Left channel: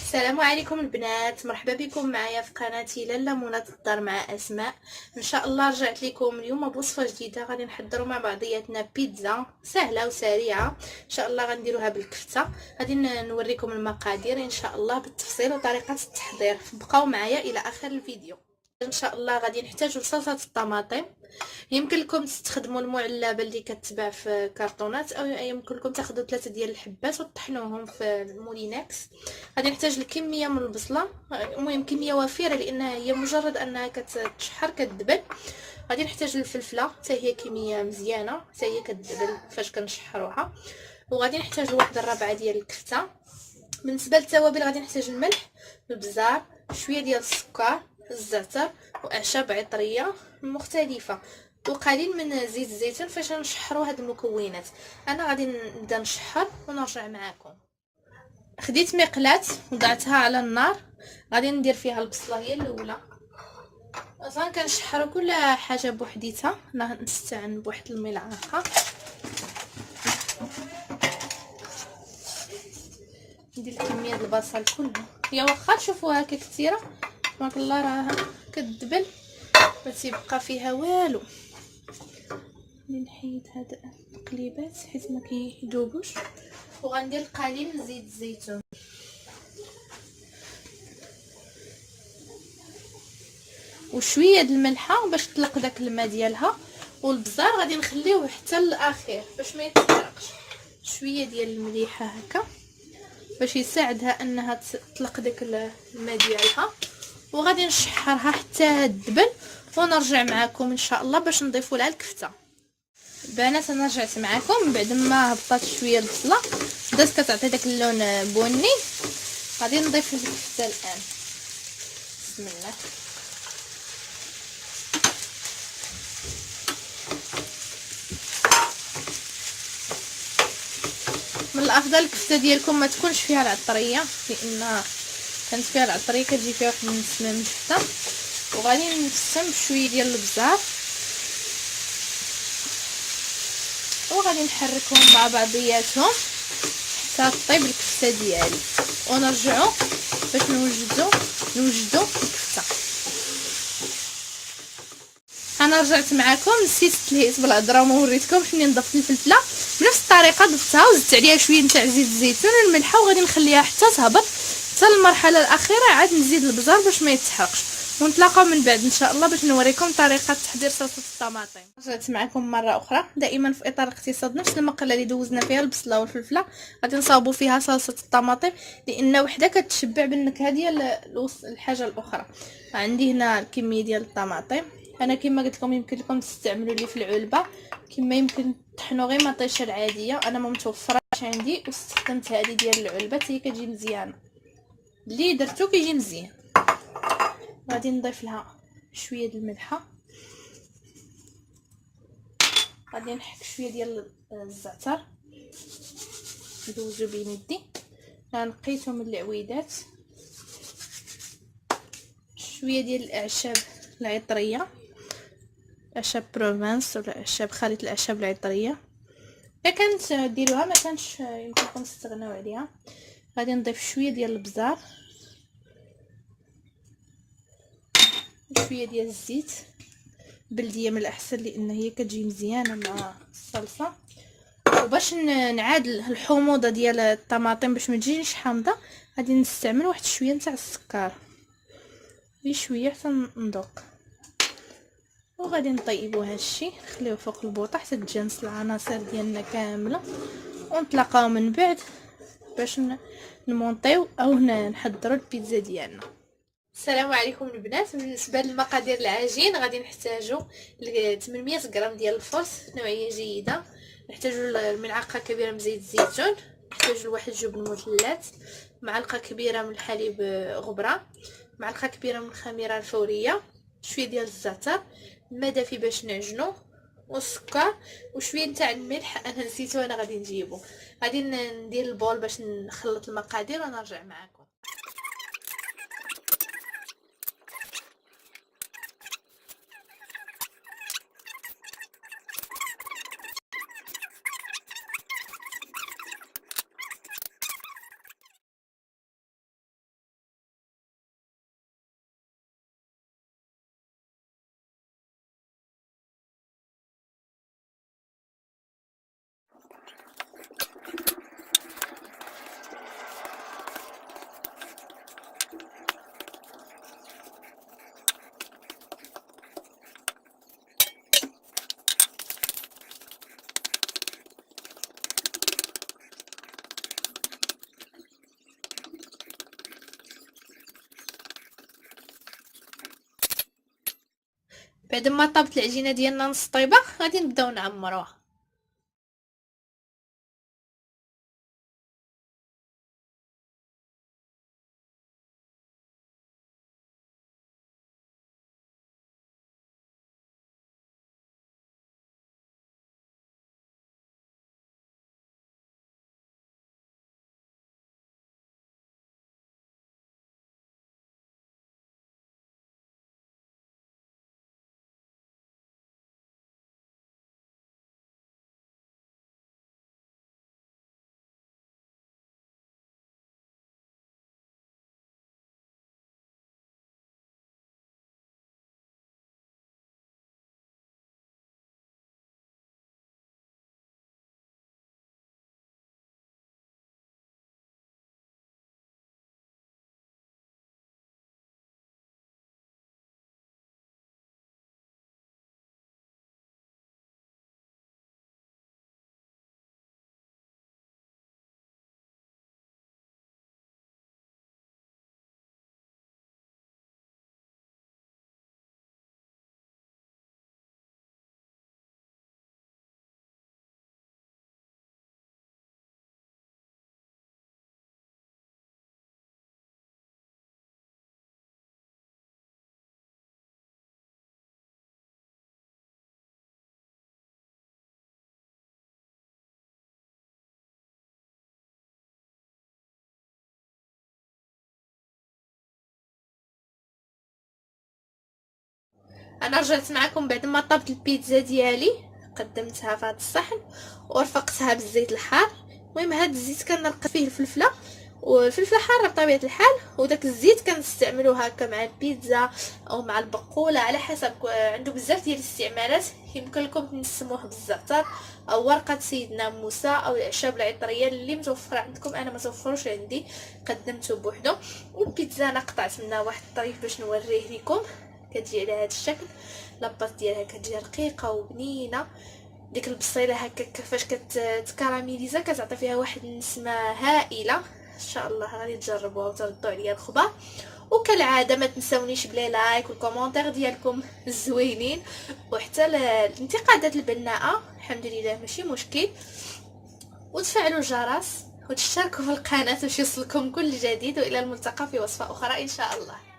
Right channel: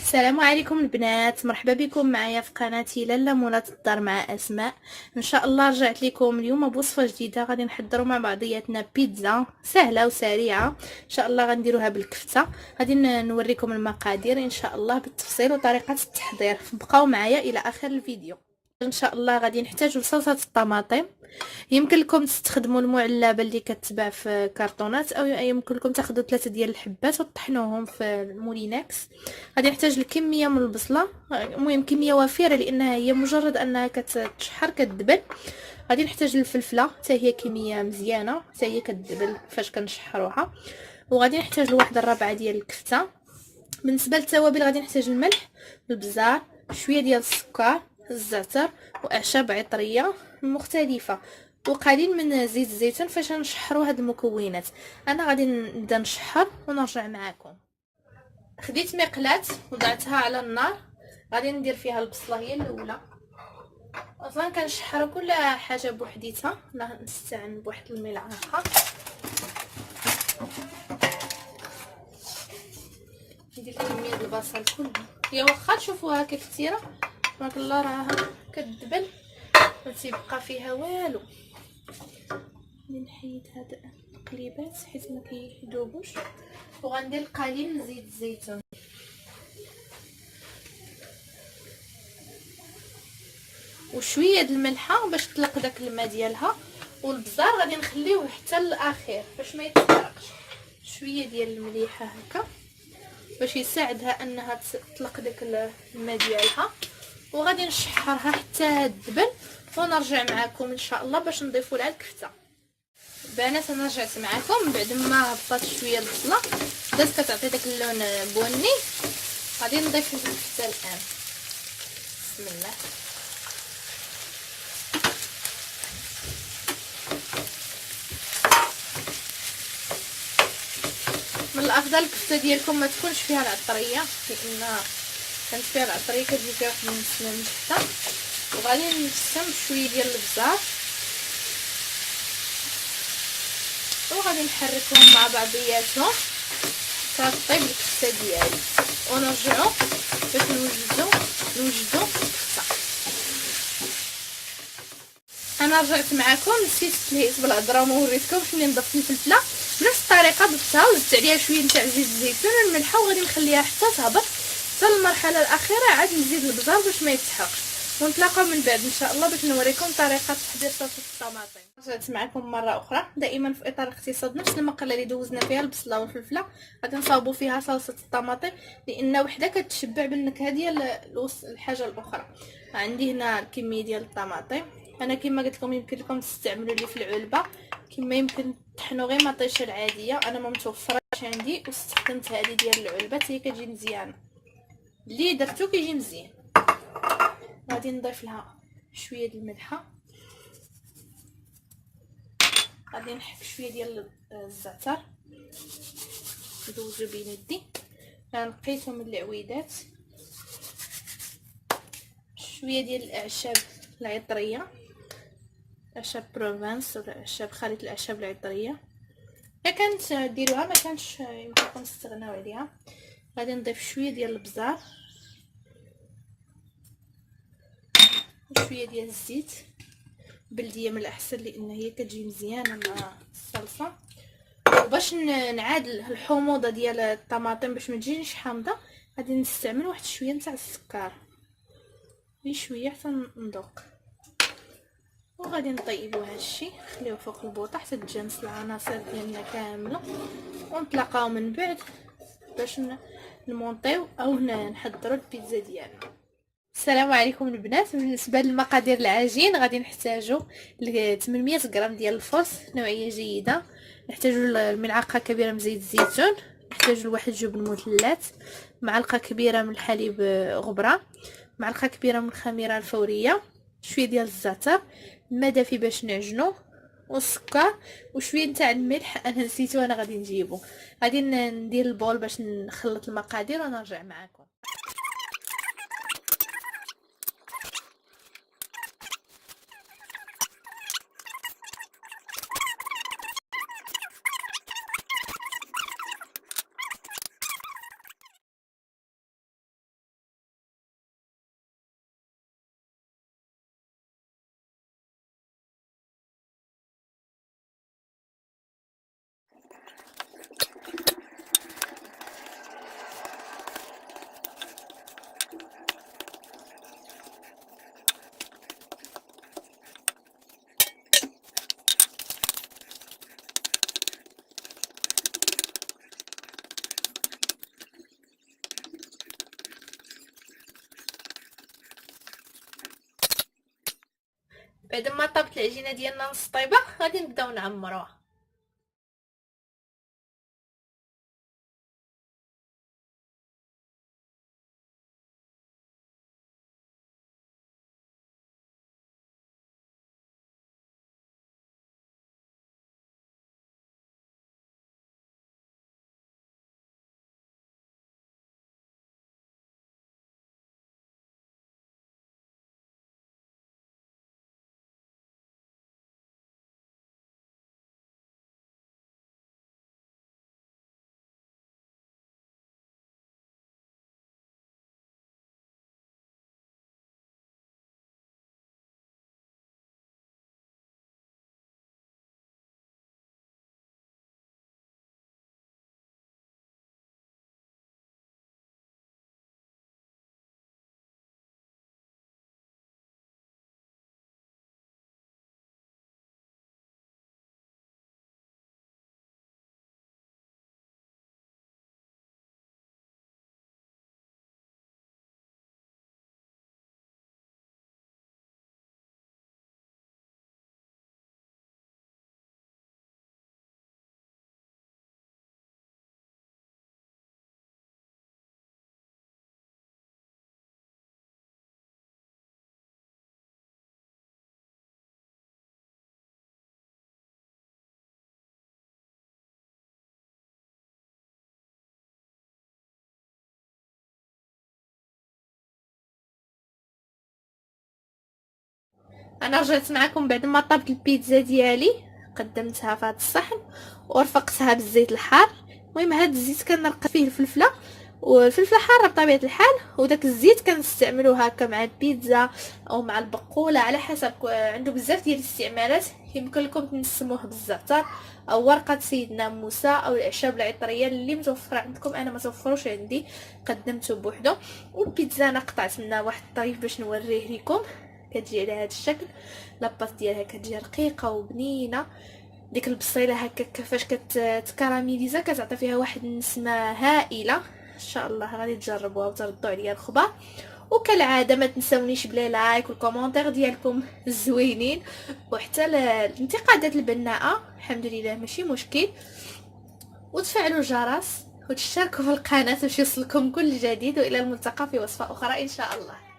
السلام عليكم البنات، مرحبا بكم معايا في قناتي لاله منى الدار مع اسماء. ان شاء الله رجعت لكم اليوم بوصفه جديده. غادي نحضروا مع بعضياتنا بيتزا سهله وسريعه ان شاء الله. غنديروها بالكفته. غادي نوريكم المقادير ان شاء الله بالتفصيل وطريقه التحضير. بقاو معايا الى اخر الفيديو. ان شاء الله غادي نحتاجوا صلصه الطماطم. يمكن لكم تستخدموا المعلبه اللي كتباع في كرتونات، او يمكن لكم تاخذوا 3 ديال الحبات وتطحنوهم في المولينكس. غادي نحتاج الكميه من البصله، المهم كميه وفيره لانها هي مجرد انها كتشحر كتدبل. غادي نحتاج الفلفله حتى هي كميه مزيانه، حتى هي كتدبل فاش كنشحروها. وغادي نحتاج واحد الربعه ديال الكفته. بالنسبه للتوابل غادي نحتاج الملح، البزار، شويه ديال السكر، الزعتر واعشاب عطريه مختلفه، وقليل من زيت الزيتون فاش نشحروا هاد المكونات. انا غادي نبدا نشحر ونرجع معكم. خديت مقلاة وضعتها على النار. غادي ندير فيها البصله هي الاولى. اصلا كنشحر كل حاجه بوحديتها، انا نستعن بواحد الملعقه. ندير كميه البصل كلها، هي واخا تشوفوها كثيره تبارك الله راه كتدبل ما تيبقى فيها والو. نحيد هاد التقليبات حيت ما كيذوبوش. وغندير قليل من زيت الزيتون وشويه د الملحه باش تطلق داك الماء ديالها. والبزار غادي نخليوه حتى الاخير باش ما يتحرقش. شويه ديال المليحه هكا باش يساعدها انها تطلق داك الماء ديالها. وغادي نشحرها حتى تدبل ونرجع معكم ان شاء الله باش نضيفوا لها الكفته. بنات انا رجعت معكم بعد ما هبطات شويه البصله بدات كتعطي داك اللون بني. غادي نضيف الكفته الان. بسم الله. من الافضل الكفته ديالكم ما تكونش فيها العطريه، لان كانت فيها العطريه كتجي فيها واحد النسمه نجسه. وغادي نقسم بشويه ديال البزار وغادي نحركهم مع بعضياتهم حتى طيب الكفته ديالي ونرجعوا باش نوجدوا الكفته. انا رجعت معكم، نسيت تلهيت بالهضره وما وريتكمش منين ضفت الفلفله. بنفس الطريقه ضفتها وزدت عليها شويه نتاع زيت الزيتون والملحه وغادي نخليها حتى تهبط. حتى المرحله الاخيره عاد نزيد البزار باش ما يتحرقش. ونتلاقاو من بعد ان شاء الله باش نوريكم طريقه تحضير صلصه الطماطم. رجعت معكم مره اخرى دائما في اطار الاقتصاد. نفس المقله اللي دوزنا فيها البصله والفلفله غادي نصاوبوا فيها صلصه الطماطم، لان وحده كتشبع بالنكهه ديال الحاجه الاخرى. عندي هنا الكميه ديال الطماطم. انا كما قلت لكم يمكن لكم تستعملوا اللي في العلبه، كما يمكن تطحنوا غير مطيشه العاديه. انا ما متوفراش عندي واستخدمت هذه ديال العلبه حتى هي كتجي مزيانه. اللي درتو كيجي مزيان. غادي نضيف لها شويه د الملحه. غادي نحك شويه ديال الزعتر ندوزو بين يدي. نقيتهم من العويدات. شويه ديال الاعشاب العطريه، اعشاب بروفانس ولا اعشاب خليط الاعشاب العطريه. الا كانت ديروها ما كانش يمكنكم تستغناو عليها. غادي نضيف شويه ديال البزار وشويه ديال الزيت بلديه من الاحسن لان هي كتجي مزيانه مع الصلصه. وباش نعادل الحموضه ديال الطماطم باش ما تجيش حامضه غادي نستعمل واحد شويه نتاع السكر، غير شويه حتى نذوق. وغادي نطيبوا هادشي نخليوه فوق البوطه حتى تجانس العناصر ديالنا كامله. ونتلاقاو من بعد باش نمونطيو او نحضروا البيتزا ديالنا. السلام عليكم البنات. بالنسبه للمقادير العجين غادي نحتاجوا 800 غرام ديال الفرص نوعيه جيده. نحتاجوا الملعقه كبيره من زيت الزيتون. نحتاجوا واحد جبن مثلث، معلقه كبيره من الحليب غبره، معلقه كبيره من الخميره الفوريه، شويه ديال الزعتر، الماء دافي باش نعجنو، والسكر وشويه نتاع الملح انا نسيتو انا غادي نجيبو. غادي ندير البول باش نخلط المقادير ونرجع معكم. بعد ما طابت العجينه ديالنا نص طيبه غادي نبداو نعمروها. انا رجعت معكم بعد ما طابت البيتزا ديالي، قدمتها في هذا الصحن ورفقتها بالزيت الحار. المهم هذا الزيت كنرقد فيه الفلفله، والفلفله حاره بطبيعه الحال، وداك الزيت كنستعملوه هكا مع البيتزا او مع البقوله على حسب، عنده بزاف ديال الاستعمالات. يمكن لكم تنسموه بالزعتر او ورقه سيدنا موسى او الاعشاب العطريه اللي متوفره عندكم. انا ما توفروش عندي، قدمته بوحدو. والبيتزا انا قطعت منها واحد الطريف باش نوريه لكم، كتجي على هذا الشكل. لاباط ديالها كتجي رقيقه وبنينه، ديك البصيله هكا كيفاش كتكراميليزا كتعطي فيها واحد النسمه هائله. ان شاء الله غادي تجربوها وتردوا عليا الخبر. وكالعاده ما تنسونيش بلي لايك والكومونتير ديالكم الزوينين، وحتى الانتقادات البناءه الحمد لله ماشي مشكل. وتفعلوا الجرس وتشتركوا في القناه باش يوصلكم كل جديد، والى الملتقى في وصفه اخرى ان شاء الله.